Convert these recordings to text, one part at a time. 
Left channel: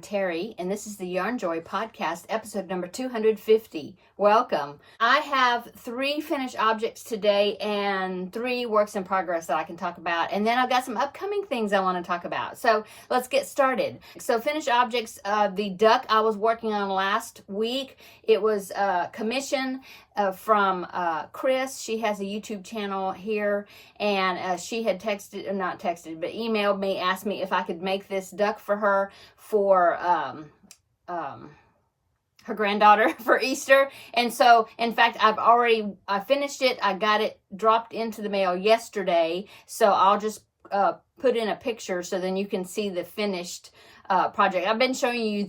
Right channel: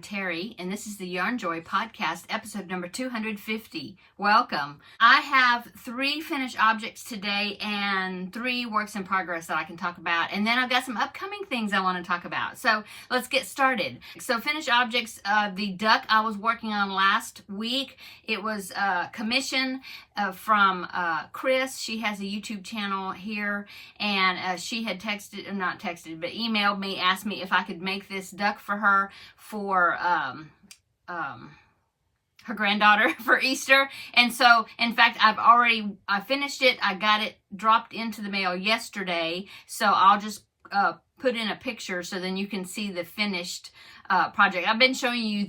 I'm Terry, and this is the Yarnjoy podcast, episode number 250. Welcome. I have 3 finished objects today and 3 works in progress that I can talk about, and then I've got some upcoming things I want to talk about. So let's get started. So finished objects, the duck I was working on last week, it was commission from Chris. She has a YouTube channel here, and she had emailed me, asked me if I could make this duck for her for her granddaughter for Easter. And so, in fact, I finished it. I got it dropped into the mail yesterday, so I'll just put in a picture so then you can see the finished project. I've been showing you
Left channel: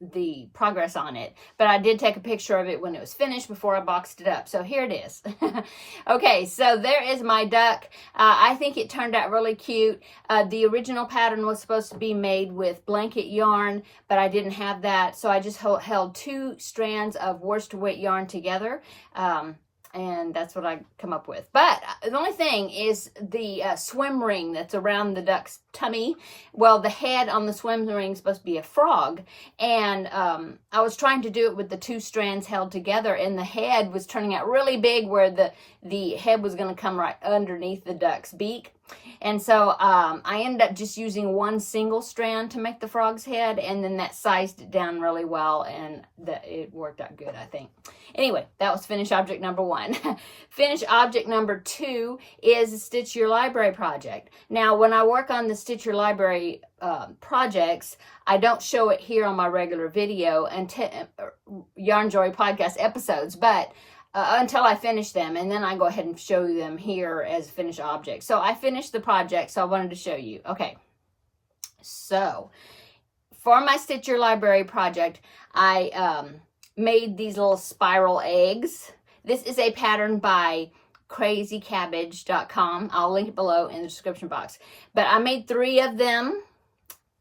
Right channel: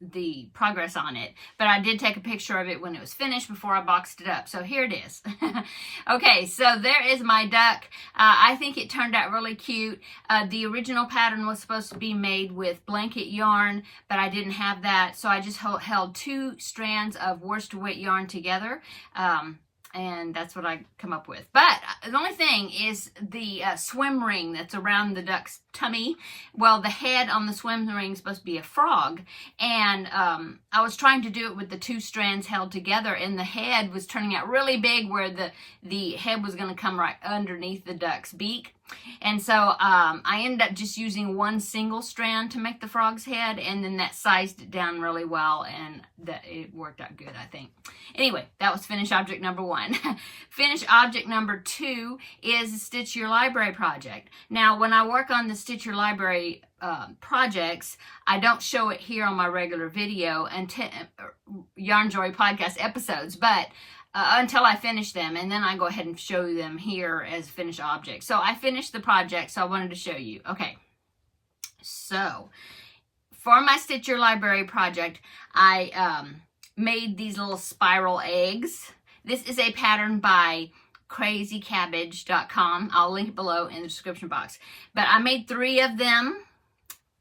the progress on it, but I did take a picture of it when it was finished before I boxed it up. So here it is. Okay, so there is my duck. I think it turned out really cute. The original pattern was supposed to be made with blanket yarn, but I didn't have that, so I just held 2 strands of worsted weight yarn together. And that's what I come up with. But the only thing is the swim ring that's around the duck's tummy. Well, the head on the swim ring is supposed to be a frog. And I was trying to do it with the 2 strands held together, and the head was turning out really big where the head was going to come right underneath the duck's beak. And so I ended up just using 1 single strand to make the frog's head, and then that sized it down really well, and it worked out good, I think. Anyway, that was finished object number 1. Finished object number 2 is the Stitch Your Library project. Now, when I work on the Stitch Your Library projects, I don't show it here on my regular video and Yarnjoy podcast episodes, but until I finish them, and then I go ahead and show them here as finished objects. So I finished the project, so I wanted to show you. Okay, so for my Stitch Your Library project, I made these little spiral eggs. This is a pattern by crazycabbage.com. I'll link it below in the description box. But I made 3 of them.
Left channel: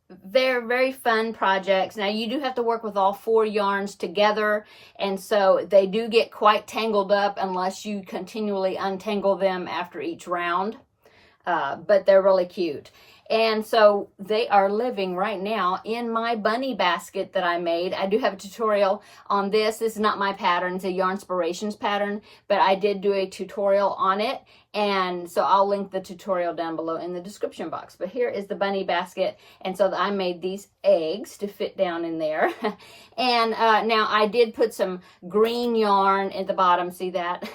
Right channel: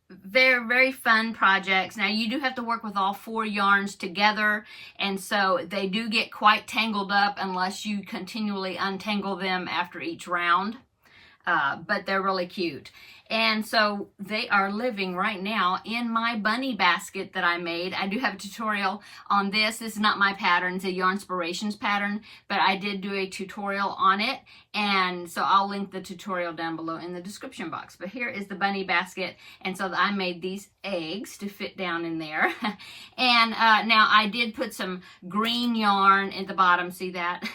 Very, very fun projects. Now, you do have to work with all 4 yarns together, and so they do get quite tangled up unless you continually untangle them after each round. But they're really cute. And so they are living right now in my bunny basket that I made. I do have a tutorial on this. This is not my pattern. It's a Yarnspirations pattern, but I did do a tutorial on it. And so I'll link the tutorial down below in the description box. But here is the bunny basket. And so I made these eggs to fit down in there. And now I did put some green yarn at the bottom, see that?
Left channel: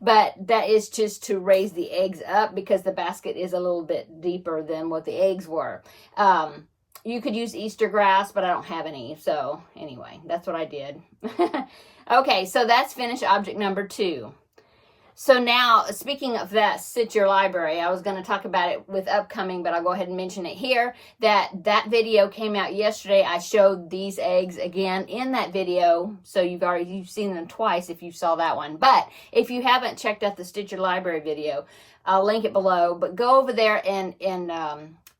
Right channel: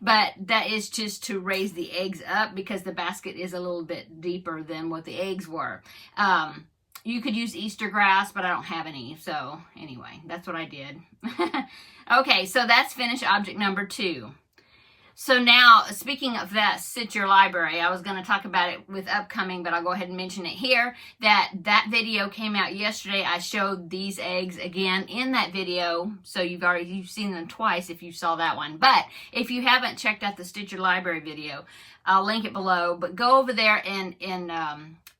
But that is just to raise the eggs up because the basket is a little bit deeper than what the eggs were. You could use Easter grass, but I don't have any. So anyway, that's what I did. Okay, so that's finished object number 2. So now, speaking of that Stitch Your Library, I was going to talk about it with upcoming, but I'll go ahead and mention it here. That video came out yesterday. I showed these eggs again in that video, so you've seen them twice if you saw that one. But if you haven't checked out the Stitch Your Library video, I'll link it below. But go over there and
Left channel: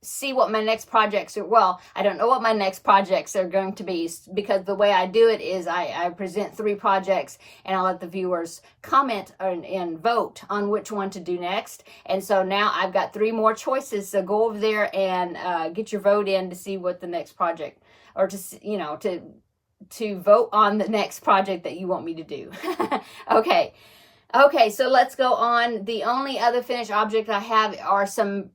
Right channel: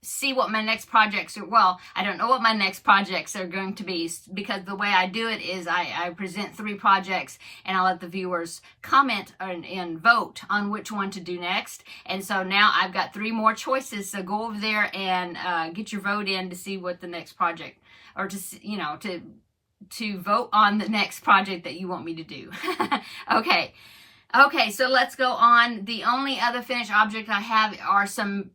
see what my next projects are. Well, I don't know what my next projects are going to be, because the way I do it is I present 3 projects and I let the viewers comment and vote on which one to do next. And so now I've got 3 more choices. So go over there and get your vote in to see what the next project, or to vote on the next project that you want me to do. Okay, so let's go on. The only other finished object I have are some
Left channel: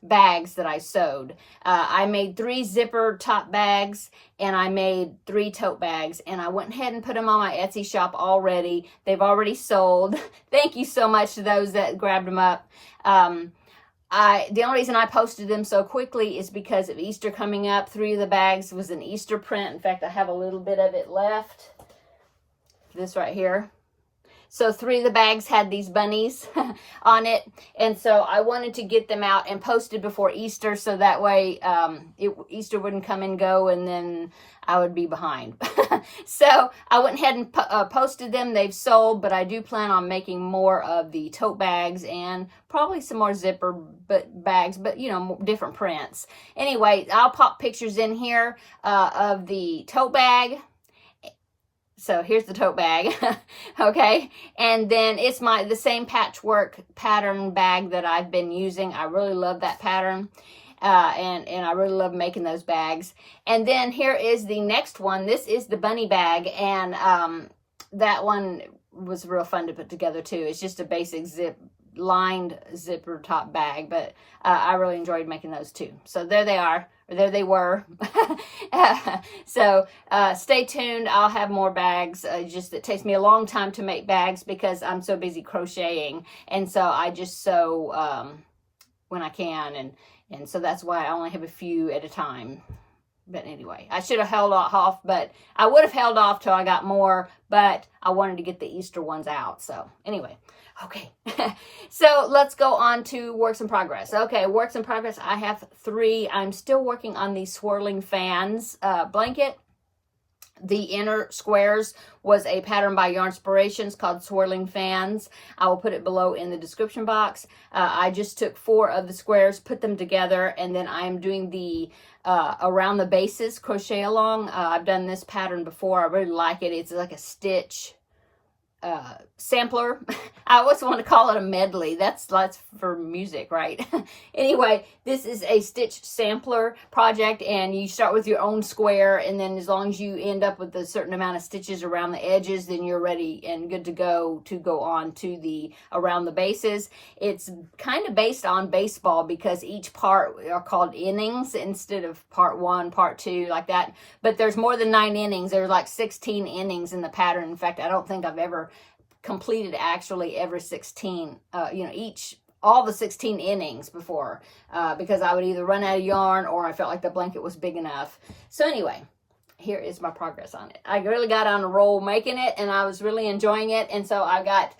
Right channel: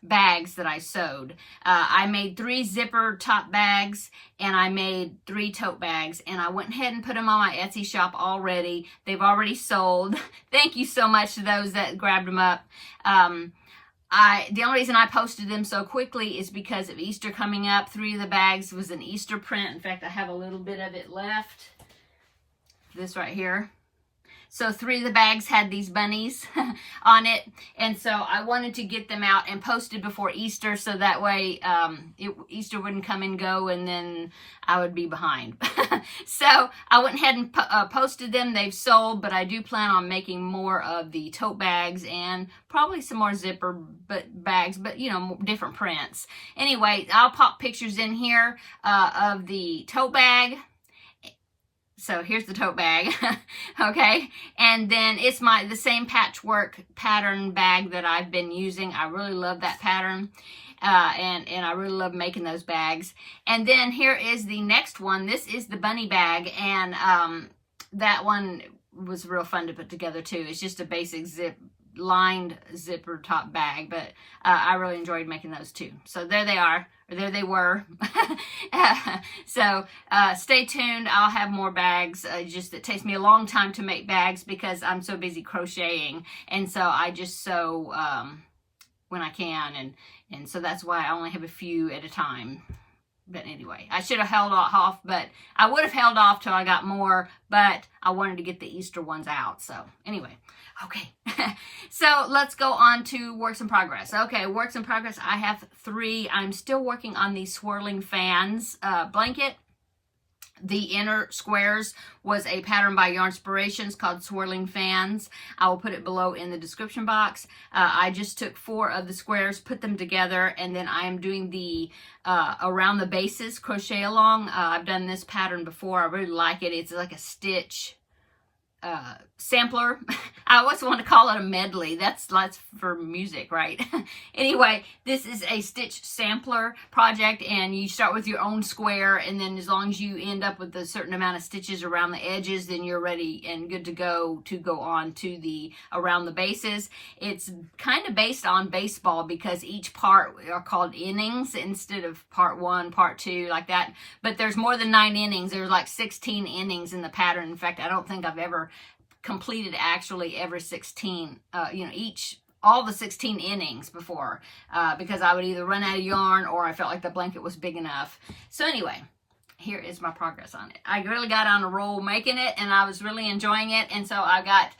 bags that I sewed. I made 3 zipper top bags, and I made 3 tote bags, and I went ahead and put them on my Etsy shop already. They've already sold. Thank you so much to those that grabbed them up. The only reason I posted them so quickly is because of Easter coming up. 3 of the bags was an Easter print. In fact, I have a little bit of it left. This right here. So 3 of the bags had these bunnies on it. And so I wanted to get them out and posted before Easter, so that way Easter wouldn't come and go and then I would be behind. So I went ahead and posted them. They've sold, but I do plan on making more of the tote bags and probably some more zipper bags, but different prints. Anyway, I'll pop pictures in here of the tote bag. So here's the tote bag, okay? And then it's the same patchwork pattern bag that I've been using. I really love that pattern. and I really love making those bags. And then here is the next one. This is the bunny bag, and that one was real fun to put together too. It's just a basic lined zipper top bag, but I really enjoyed making those too. So there they are, or there they were. So stay tuned. I'll have more bags. Just it takes me a long time to make bags because I'm so busy crocheting, and so I just sew when I can, and so that's why I only have a few at a time. But anyway, I should have held off, but I would have held off till I got more, but I wanted to get the Easter ones out. So anyway, okay. So let's go on to works in progress. Okay, works in progress. I have 3. I'm still working on the swirling fans blanket. The inner squares was a pattern by Yarnspirations called Swirling Fans. I will put it below in the description box. I just took 4 of the squares, put them together, and then I am doing the around the bases crochet along. I've done this pattern before. I really like it. It's like a stitch sampler. I always want to call it a medley. That's for music, right? Anyway, this is a stitch sampler project, and you start with your own square, and then as long as you end up with a certain amount of stitches around the edges, then you're ready and good to go on to the around the bases. It's kind of based on baseball because each part are called innings instead of part 1, part 2, like that. But there's more than 9 innings. There's like 16 innings in the pattern. In fact, I don't think I've ever completed actually every 16, all the 16 innings before, because I would either run out of yarn or I felt like the blanket was big enough. So anyway, here is my progress on it. I really got on a roll making it, and I was really enjoying it. And so I got,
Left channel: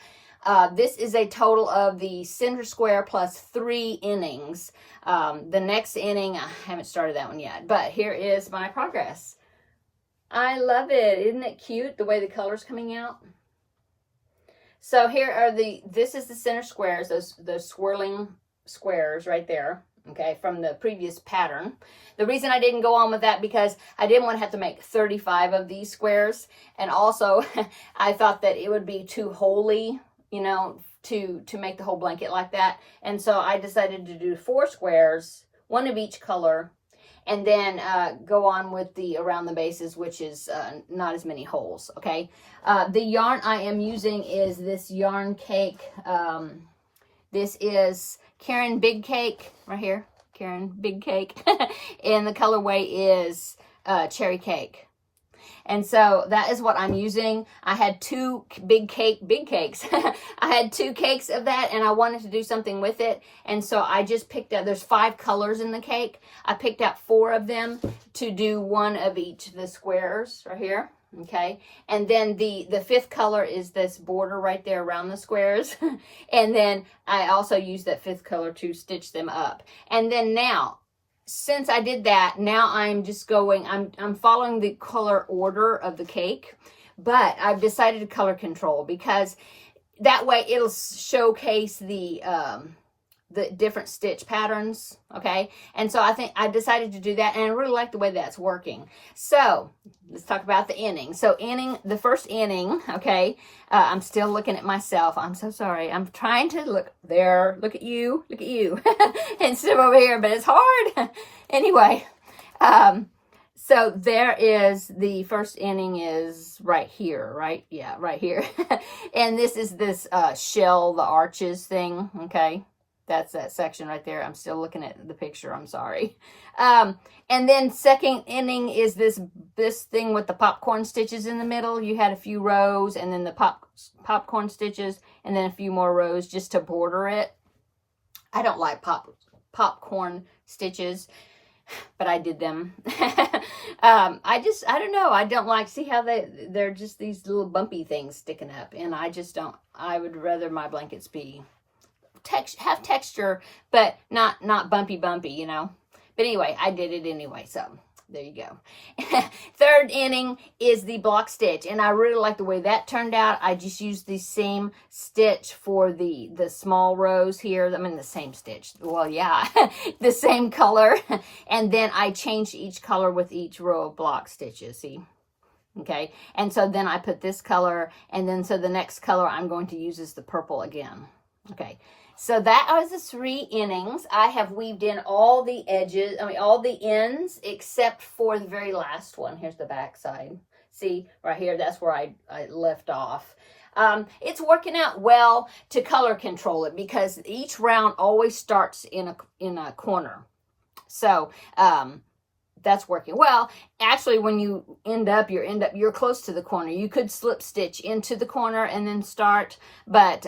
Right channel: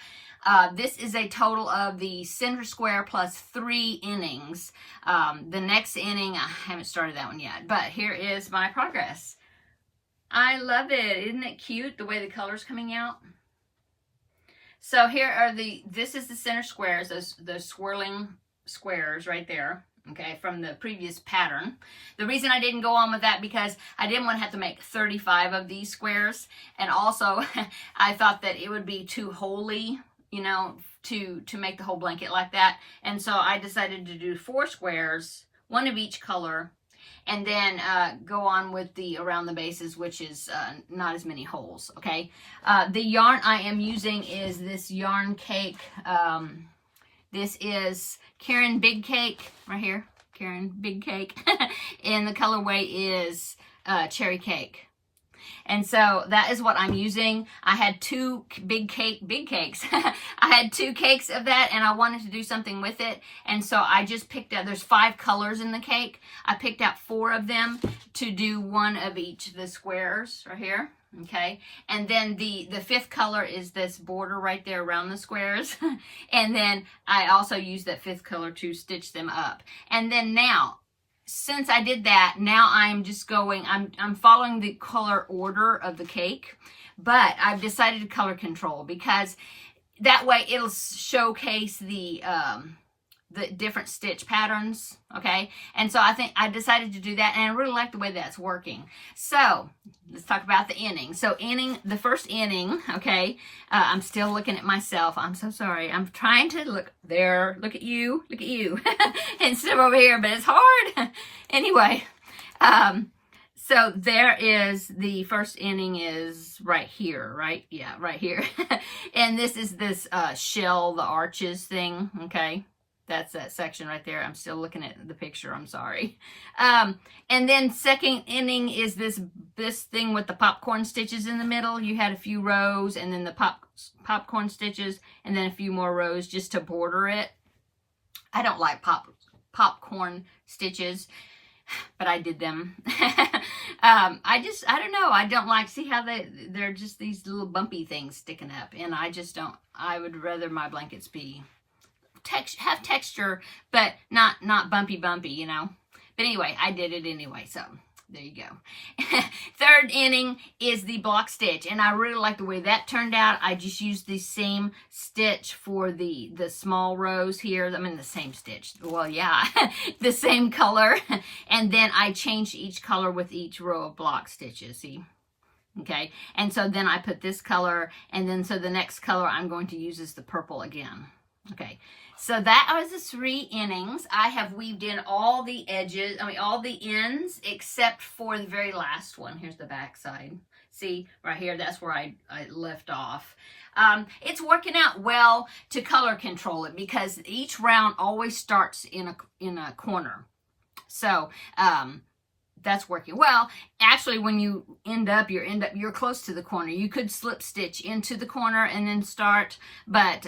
this is a total of the center square plus 3 innings. The next inning, I haven't started that one yet, but here is my progress. I love it. Isn't it cute the way the color's coming out? So here are this is the center squares, those swirling squares right there, okay, from the previous pattern. The reason I didn't go on with that because I didn't want to have to make 35 of these squares, and also I thought that it would be too holy, to make the whole blanket like that. And so I decided to do 4 squares, 1 of each color, and then go on with the around the bases, which is not as many holes, okay? The yarn I am using is this yarn cake. This is Karen Big Cake, right here, Karen Big Cake. And the colorway is Cherry Cake. And so that is what I'm using. I had 2 big cakes. I had 2 cakes of that, and I wanted to do something with it. And so I just picked out, there's 5 colors in the cake. I picked out 4 of them to do 1 of each of the squares right here. Okay. And then the 5th color is this border right there around the squares. And then I also used that 5th color to stitch them up. And then now, since I did that, now I'm just going, I'm following the color order of the cake, but I've decided to color control because that way it'll showcase the different stitch patterns, okay? And so I decided to do that, and I really like the way that's working. So let's talk about the inning. So the first inning, okay, I'm still looking at myself. I'm so sorry. I'm trying to look there. Look at you. Instead of over here, but it's hard. Anyway, so there is the first inning is right here, right? Yeah, right here. And this is this shell, the arches thing, okay? That's that section right there. I'm still looking at the picture. I'm sorry. And then second inning is this thing with the popcorn stitches in the middle. You had a few rows, and then the popcorn stitches, and then a few more rows just to border it. I don't like popcorn stitches, but I did them. I don't know. I don't like, see how they're just these little bumpy things sticking up, and I just don't. I would rather my blankets be have texture, but not bumpy, But anyway, I did it anyway, so there you go. Third inning is the block stitch, and I really like the way that turned out. I just used the same stitch for the small rows here. I mean, the same stitch. Well, yeah, the same color. And then I changed each color with each row of block stitches, see? Okay, and so then I put this color, and then so the next color I'm going to use is the purple again. Okay, So that are the 3 innings. I have weaved in all the edges, all the ends, except for the very last one. Here's the back side. See, right here, that's where I left off. It's working out well to color control it because each round always starts in a corner. So, that's working well. Actually, when you end up, you're close to the corner. You could slip stitch into the corner and then start, but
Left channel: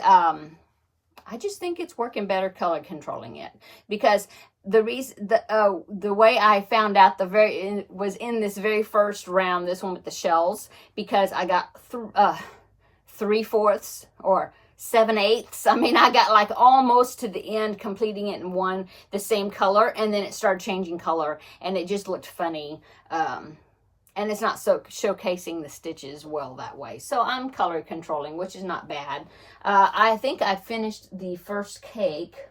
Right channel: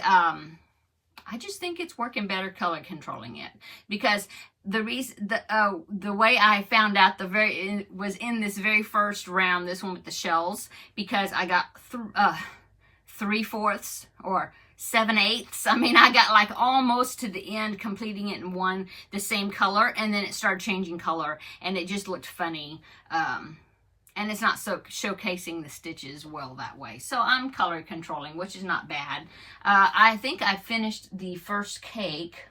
I just think it's working better color controlling it, because the way I found out was in this very first round, this one with the shells, because I got 3/4 or 7/8. I mean, I got like almost to the end, completing it in the same color, and then it started changing color, and it just looked funny. And it's not so showcasing the stitches well that way. So I'm color controlling, which is not bad. I think I finished the first cake.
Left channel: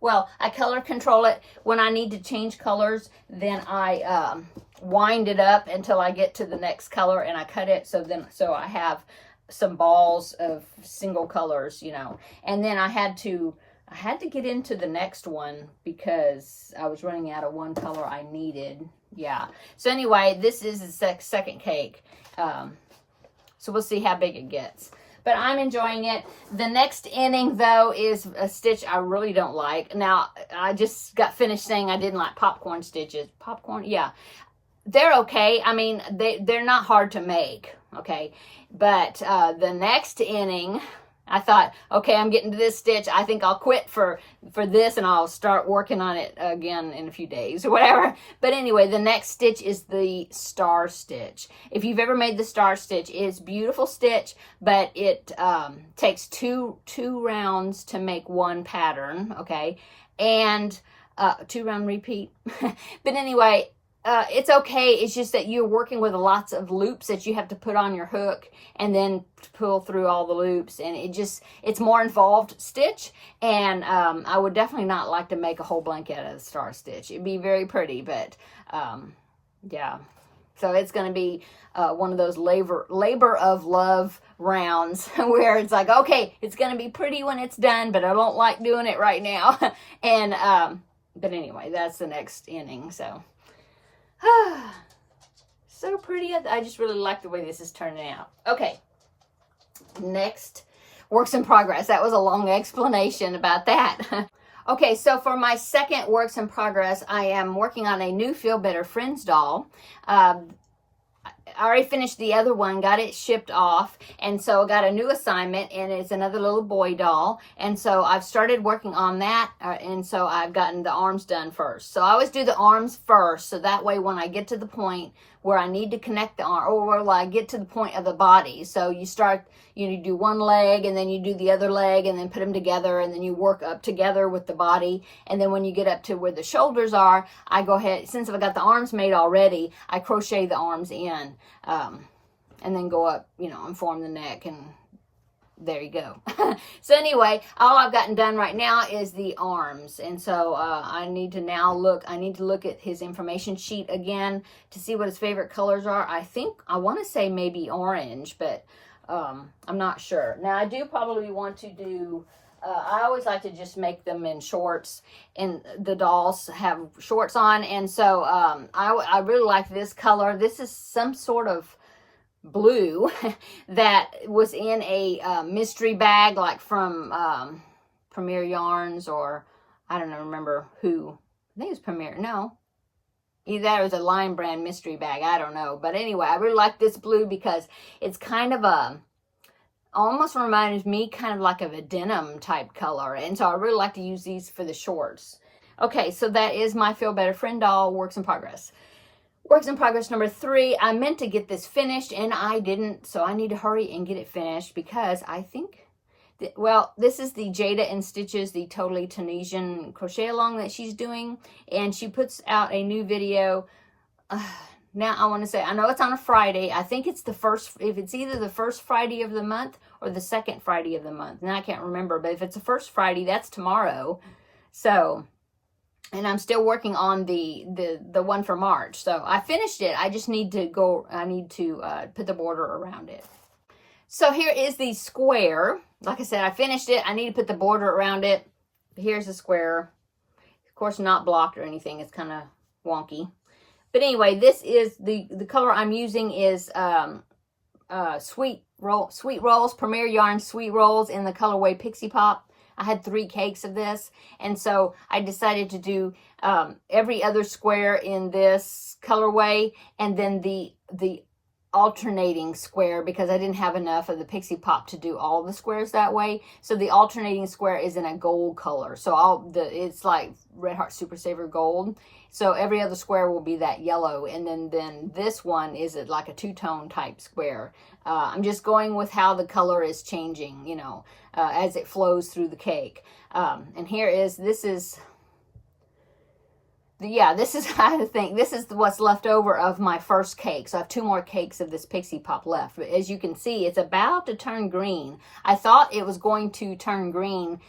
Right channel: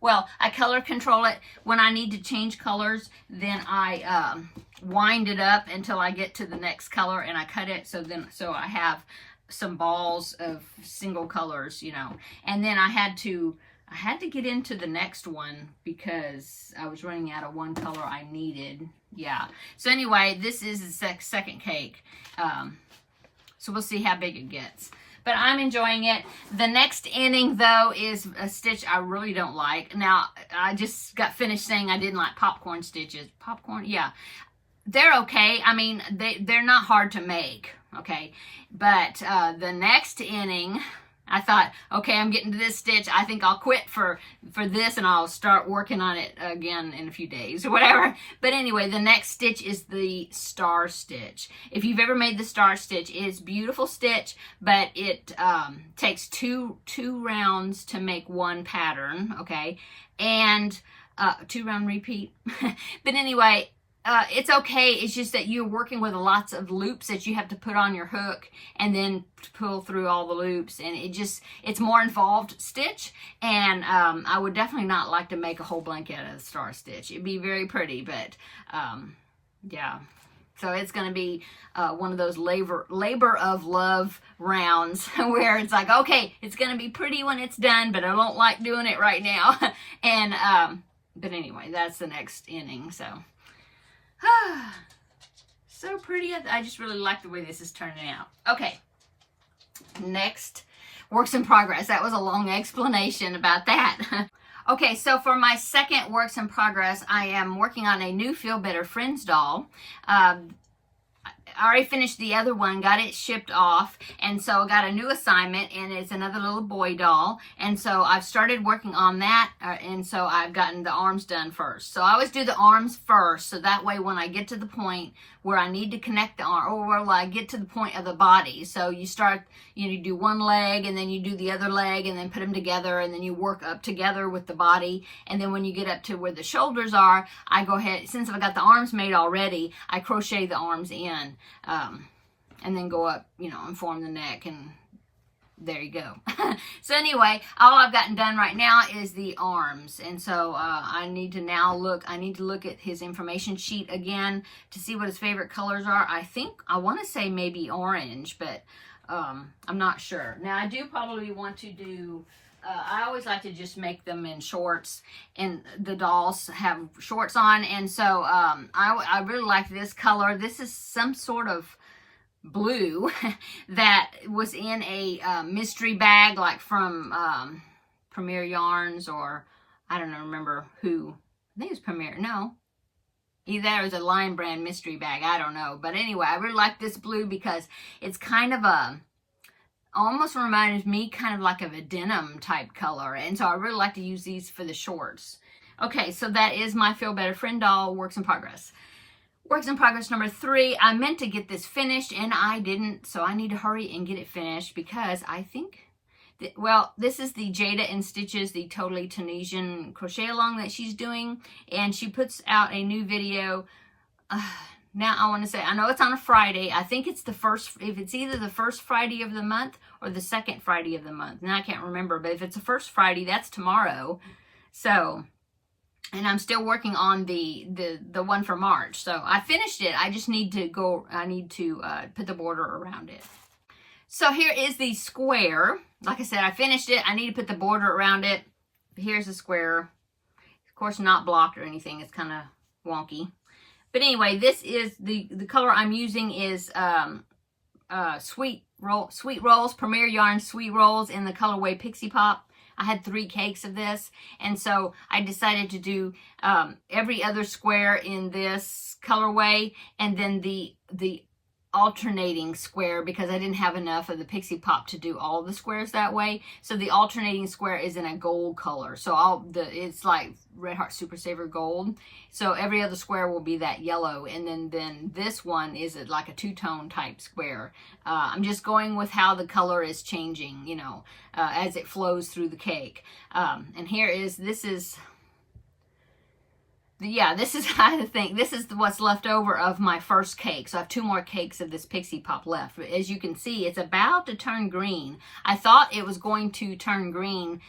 Well, I color control it. When I need to change colors, then I wind it up until I get to the next color, and I cut it so I have some balls of single colors, you know. And then I had to get into the next one because I was running out of one color I needed. Yeah. So anyway, this is the second cake. So we'll see how big it gets. But I'm enjoying it. The next inning, though, is a stitch I really don't like. Now, I just got finished saying I didn't like popcorn stitches. Popcorn? Yeah. They're okay. I mean, they're not hard to make, okay? But the next inning, I thought, okay, I'm getting to this stitch. I think I'll quit for this, and I'll start working on it again in a few days or whatever. But anyway, the next stitch is the star stitch. If you've ever made the star stitch, it's a beautiful stitch, but it takes two rounds to make one pattern, okay? And 2-round repeat. But anyway, it's okay. It's just that you're working with lots of loops that you have to put on your hook and then pull through all the loops, and it's more involved stitch. And I would definitely not like to make a whole blanket out of the star stitch. It'd be very pretty, but yeah. So it's going to be one of those labor of love rounds where it's like, okay, it's going to be pretty when it's done, but I don't like doing it right now. And but anyway, that's the next inning. So pretty. I just really like the way this is turning out. Okay, next, works in progress. That was a long explanation about that. Okay, so for my second works in progress, I am working on a new Feel Better Friends doll. I already finished the other one, got it shipped off, and so I got a new assignment, and it's another little boy doll, and so I've started working on that, and so I've gotten the arms done first. So I always do the arms first, so that way when I get to the point where I need to connect the arm, or where I get to the point of the body, so you start, you do one leg, and then you do the other leg, and then put them together, and then you work up together with the body, and then when you get up to where the shoulders are, I go ahead, since I've got the arms made already, I crochet the arms in, and then go up, and form the neck, and there you go. So anyway, all I've gotten done right now is the arms, and so I need to look at his information sheet again to see what his favorite colors are. I want to say maybe orange, but I'm not sure. Now I do probably want to do, I always like to just make them in shorts, and the dolls have shorts on, and so I really like this color. This is some sort of blue that was in a mystery bag, like from Premier Yarns, or I don't know, remember who. I think it was Premier. No, either that or it was a Lion Brand mystery bag. I don't know. But anyway, I really like this blue because it's kind of almost reminds me kind of like of a denim type color. And so I really like to use these for the shorts. Okay, so that is my Feel Better Friend doll works in progress. Works in progress number 3. I meant to get this finished and I didn't, so I need to hurry and get it finished because I think, this is the Jada and Stitches, the Totally Tunisian crochet along that she's doing, and she puts out a new video. Now I want to say, I know it's on a Friday. I think it's it's either the first Friday of the month or the second Friday of the month. Now I can't remember, but if it's the first Friday, that's tomorrow. So, and I'm still working on the one for March. So I finished it. I just need to put the border around it. So here is the square. Like I said, I finished it. I need to put the border around it. here's a square. Of course, not blocked or anything. It's kind of wonky. But anyway, this is the color I'm using is Sweet Rolls, Premier Yarn Sweet Rolls in the colorway Pixie Pop. I had 3 cakes of this, and so I decided to do every other square in this colorway, and then the alternating square, because I didn't have enough of the Pixie Pop to do all the squares that way. So the alternating square is in a gold color. So it's like Red Heart Super Saver Gold. So every other square will be that yellow, and then this one is like a 2-tone type square. I'm just going with how the color is changing, you know, as it flows through the cake. And this is I think this is what's left over of my first cake. So I have 2 more cakes of this Pixie Pop left. But as you can see, it's about to turn green. I thought it was going to turn green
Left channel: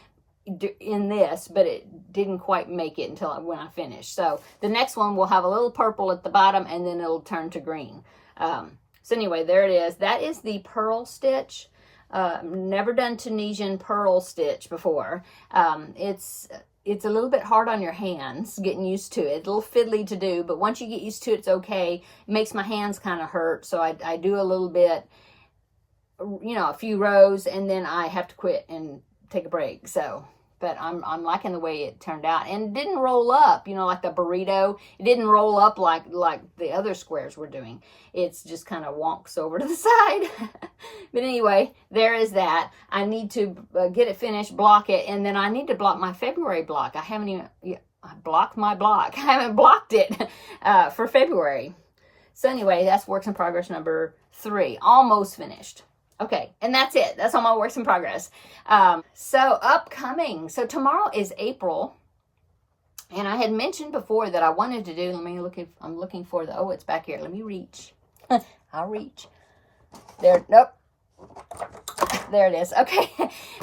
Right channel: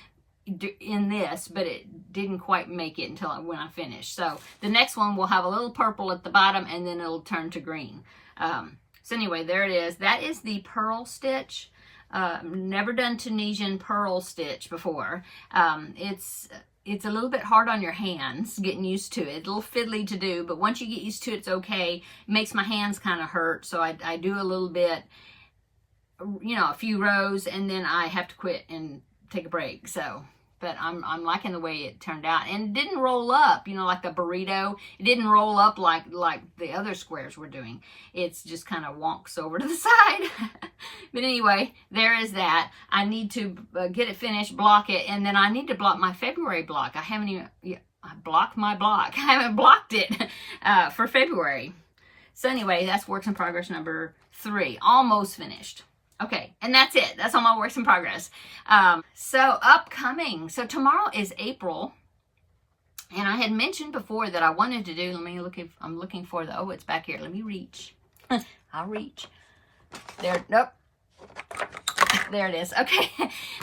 in this, but it didn't quite make it until when I finished. So the next one will have a little purple at the bottom, and then it'll turn to green. So anyway, there it is. That is the pearl stitch. Never done Tunisian pearl stitch before. It's a little bit hard on your hands, getting used to it. A little fiddly to do, but once you get used to it, it's okay. It makes my hands kind of hurt, so I do a little bit, you know, a few rows, and then I have to quit and take a break. So, but I'm liking the way it turned out, and it didn't roll up, you know, like the burrito. It didn't roll up like the other squares were doing. It's just kind of wonks over to the side. But anyway, there is that. I need to get it finished, block it, and then I need to block my February block. I haven't even I blocked my block. I haven't blocked it for February. So anyway, that's works in progress number 3, almost finished. Okay, and that's it. That's all my works in progress. So upcoming. So tomorrow is April. And I had mentioned before that I wanted to do, let me look if I'm looking for the, oh, it's back here. Let me reach. I'll reach. There, nope. There it is. Okay.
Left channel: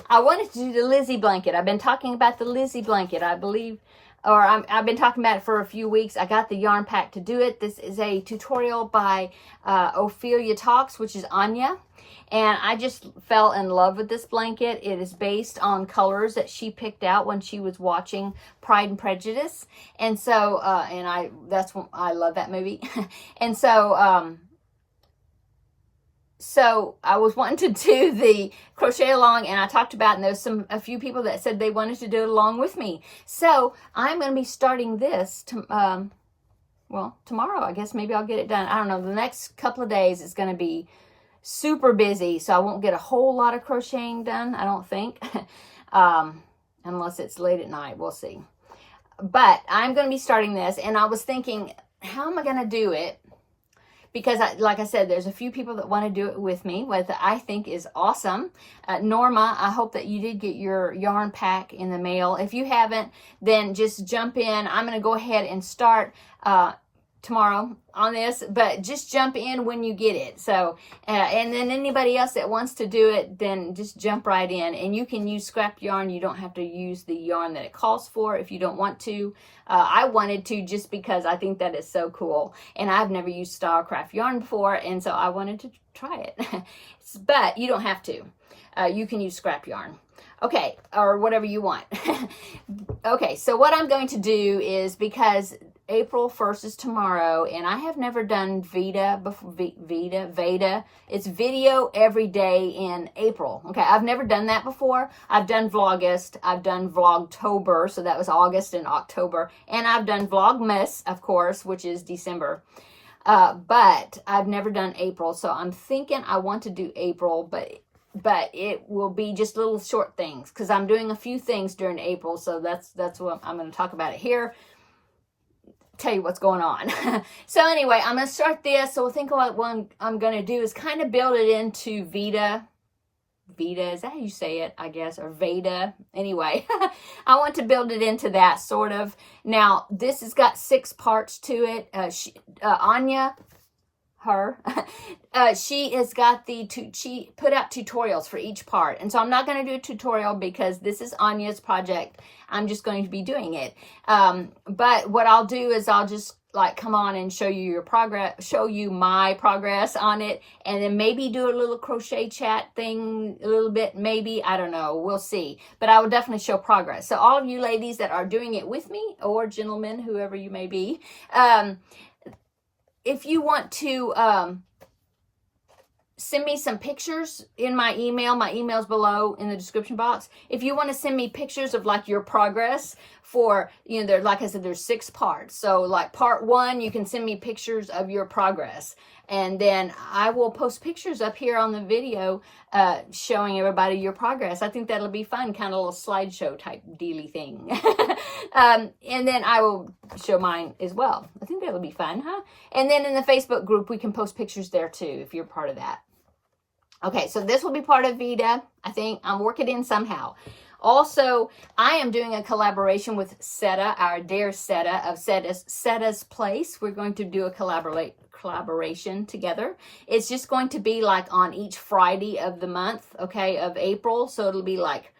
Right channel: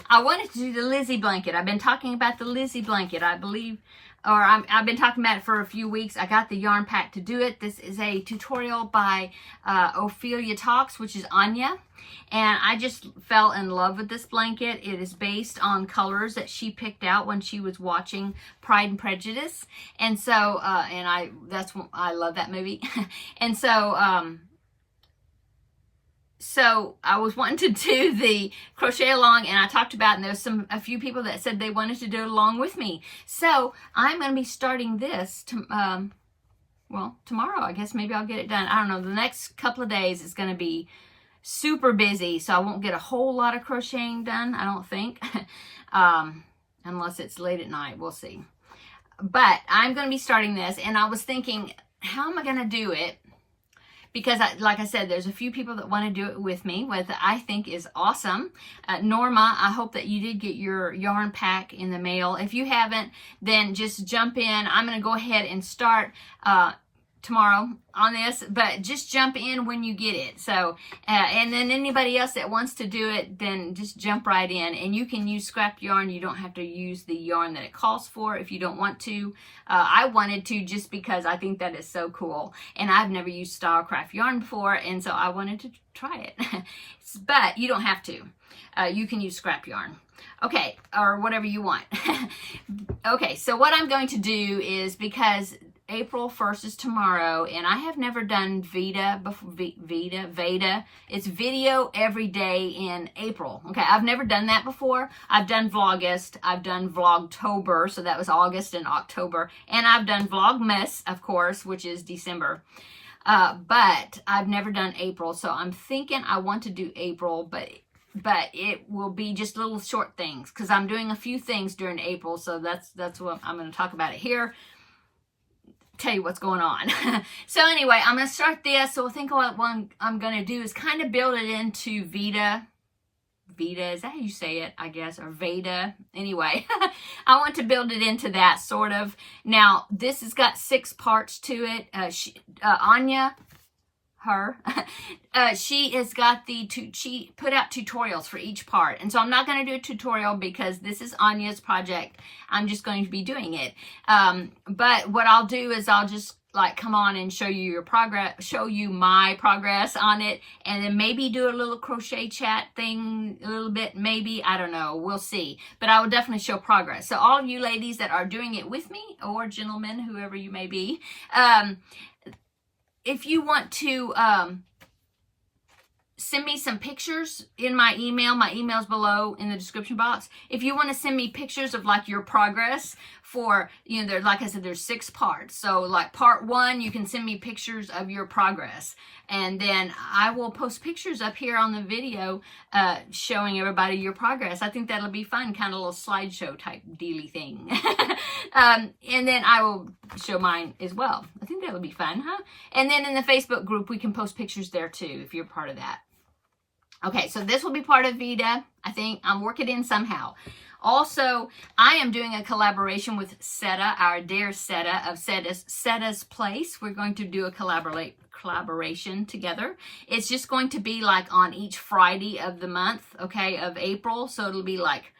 I wanted to do the Lizzy Blanket. I've been talking about the Lizzy Blanket, I believe, or I've been talking about it for a few weeks. I got the yarn pack to do it. This is a tutorial by Ophelia Talks, which is Anya. And I just fell in love with this blanket. It is based on colors that she picked out when she was watching Pride and Prejudice. And so, I love that movie. And so, so I was wanting to do the crochet along, and I talked about, and there's a few people that said they wanted to do it along with me. So I'm going to be starting this well, tomorrow. I guess maybe I'll get it done. I don't know. The next couple of days is going to be super busy, so I won't get a whole lot of crocheting done, I don't think. Unless it's late at night, we'll see. But I'm going to be starting this, and I was thinking, how am I going to do it? Because, like I said, there's a few people that want to do it with me, which I think is awesome. Norma, I hope that you did get your yarn pack in the mail. If you haven't, then just jump in. I'm going to go ahead and start tomorrow on this, but just jump in when you get it. So, and then anybody else that wants to do it, then just jump right in. And you can use scrap yarn. You don't have to use the yarn that it calls for if you don't want to. I wanted to just because I think that is so cool. And I've never used Stylecraft yarn before, and so I wanted to try it. But you don't have to. You can use scrap yarn. Okay, or whatever you want. Okay, so what I'm going to do is, because April 1st is tomorrow, and I have never done Veda before. Veda. It's video every day in April. Okay, I've never done that before. I've done Vlogust. I've done Vlogtober, so that was August and October. And I've done Vlogmas, of course, which is December. But I've never done April, so I'm thinking I want to do April, but it will be just little short things, because I'm doing a few things during April, so that's what I'm going to talk about it here. Tell you what's going on. So anyway, I'm going to start this. So I think what one I'm going to do is kind of build it into Veda. Veda, is that how you say it, I guess, or Veda? Anyway, I want to build it into that, sort of. Now, this has got 6 parts to it. Anya, she has got she put out tutorials for each part, and so I'm not going to do a tutorial because this is Anya's project. I'm just going to be doing it, but what I'll do is I'll just like come on and show you your progress, show you my progress on it, and then maybe do a little crochet chat thing a little bit, maybe, I don't know, we'll see, but I will definitely show progress. So all of you ladies that are doing it with me, or gentlemen, whoever you may be, if you want to send me some pictures in my email's below in the description box. If you want to send me pictures of like your progress for, you know, there, like I said, there's 6 parts. So like part 1, you can send me pictures of your progress. And then I will post pictures up here on the video showing everybody your progress. I think that'll be fun, kind of a little slideshow type dealy thing. And then I will show mine as well. I think that'll be fun, huh? And then in the Facebook group, we can post pictures there too, if you're part of that. Okay, so this will be part of Vita. I think I'm working in somehow. Also, I am doing a collaboration with Seta, our dear Seta of Seta's Place. We're going to do a collaboration together. It's just going to be like on each Friday of the month, okay, of April. So it'll be like,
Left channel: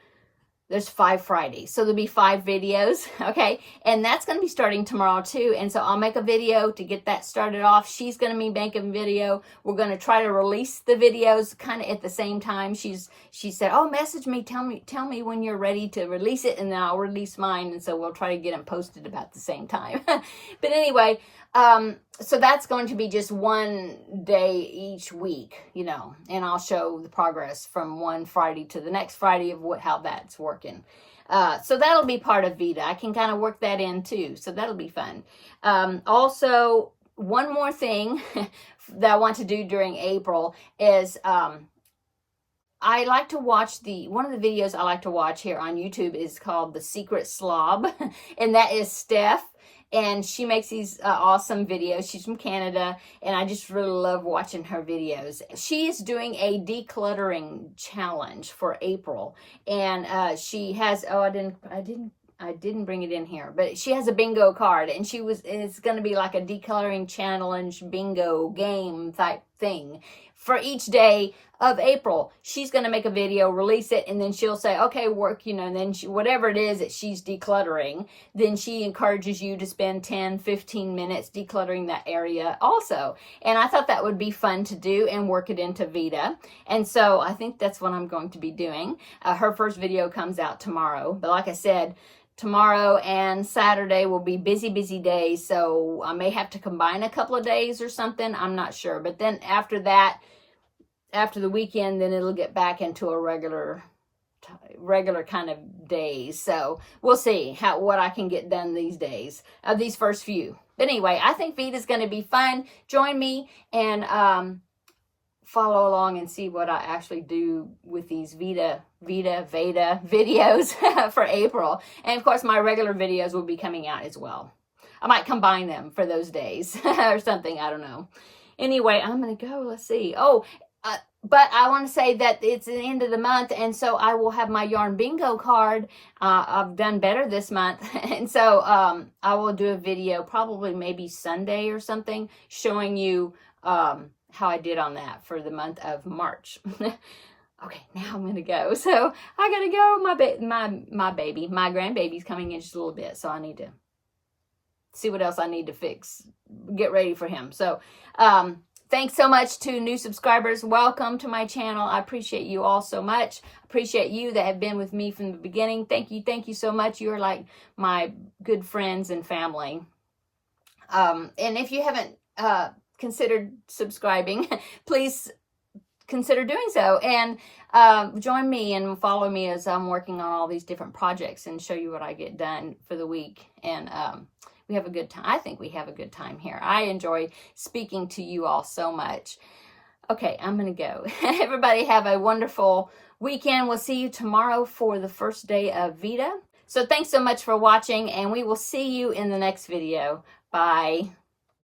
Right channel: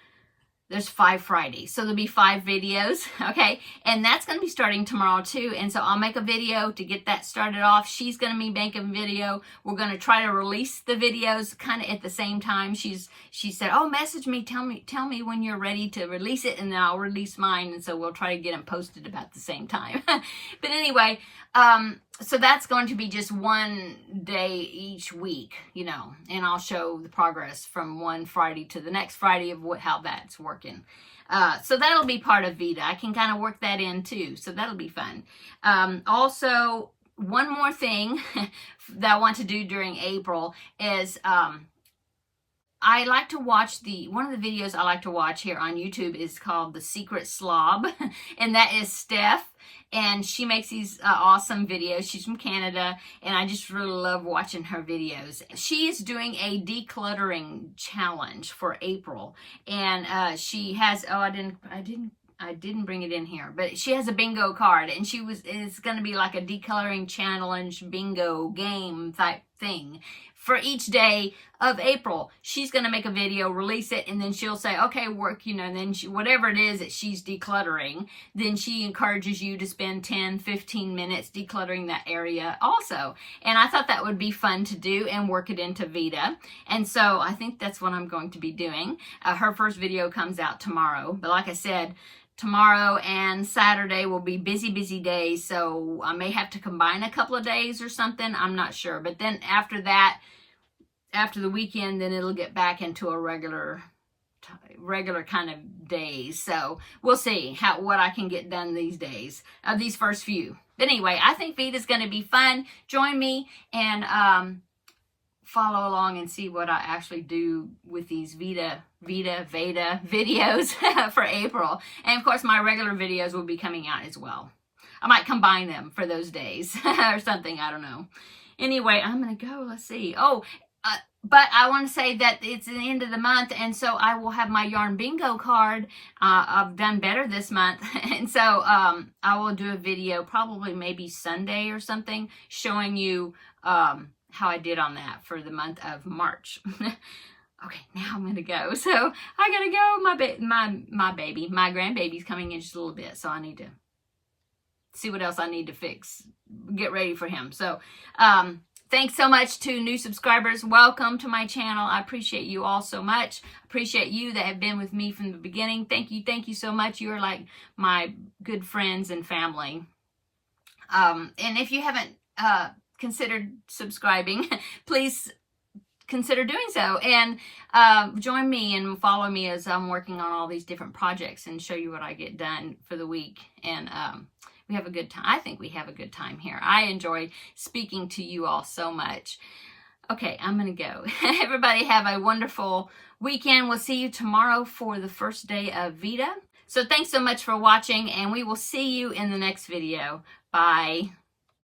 there's 5 Fridays. So there'll be 5 videos, okay? And that's going to be starting tomorrow too. And so I'll make a video to get that started off. She's going to be making a video. We're going to try to release the videos kind of at the same time. She said, oh, message me, tell me when you're ready to release it, and then I'll release mine. And so we'll try to get them posted about the same time. But anyway, so that's going to be just one day each week, you know, and I'll show the progress from one Friday to the next Friday of how that's working. So that'll be part of Vita. I can kind of work that in too. So that'll be fun. Also, one more thing that I want to do during April is, I like to watch one of the videos I like to watch here on YouTube is called The Secret Slob. And that is Steph. And she makes these awesome videos. She's from Canada, and I just really love watching her videos. She is doing a decluttering challenge for April, and she has, oh, I didn't bring it in here, but she has a bingo card, and it's going to be like a decluttering challenge bingo game type thing. For each day of April, she's going to make a video, release it, and then she'll say, okay, work, you know, and then whatever it is that she's decluttering, then she encourages you to spend 10, 15 minutes decluttering that area also. And I thought that would be fun to do and work it into Vita. And so I think that's what I'm going to be doing. Her first video comes out tomorrow. But like I said, tomorrow and Saturday will be busy days, so I may have to combine a couple of days or something. I'm not sure. But then after that, after the weekend, then it'll get back into a regular kind of days. So we'll see what I can get done these days, these first few. But anyway, I think Vita's going to be fun. Join me and follow along and see what I actually do with these Vita videos for April. And of course, my regular videos will be coming out as well. I might combine them for those days or something. I don't know. Anyway, I'm going to go. Let's see. Oh, but I want to say that it's the end of the month, and so I will have my yarn bingo card. I've done better this month, and so I will do a video probably maybe Sunday or something showing you how I did on that for the month of March. Okay, now I'm gonna go. So I gotta go. My grandbaby's coming in just a little bit, so I need to see what else I need to fix, get ready for him. So thanks so much to new subscribers. Welcome to my channel. I appreciate you all so much. Appreciate you that have been with me from the beginning. Thank you so much. You're like my good friends and family. And if you haven't considered subscribing, please consider doing so, and join me and follow me as I'm working on all these different projects and show you what I get done for the week. And we have a good time. I think we have a good time here. I enjoy speaking to you all so much. Okay, I'm gonna go. Everybody have a wonderful weekend. We'll see you tomorrow for the first day of Vita. So thanks so much for watching, and we will see you in the next video. Bye.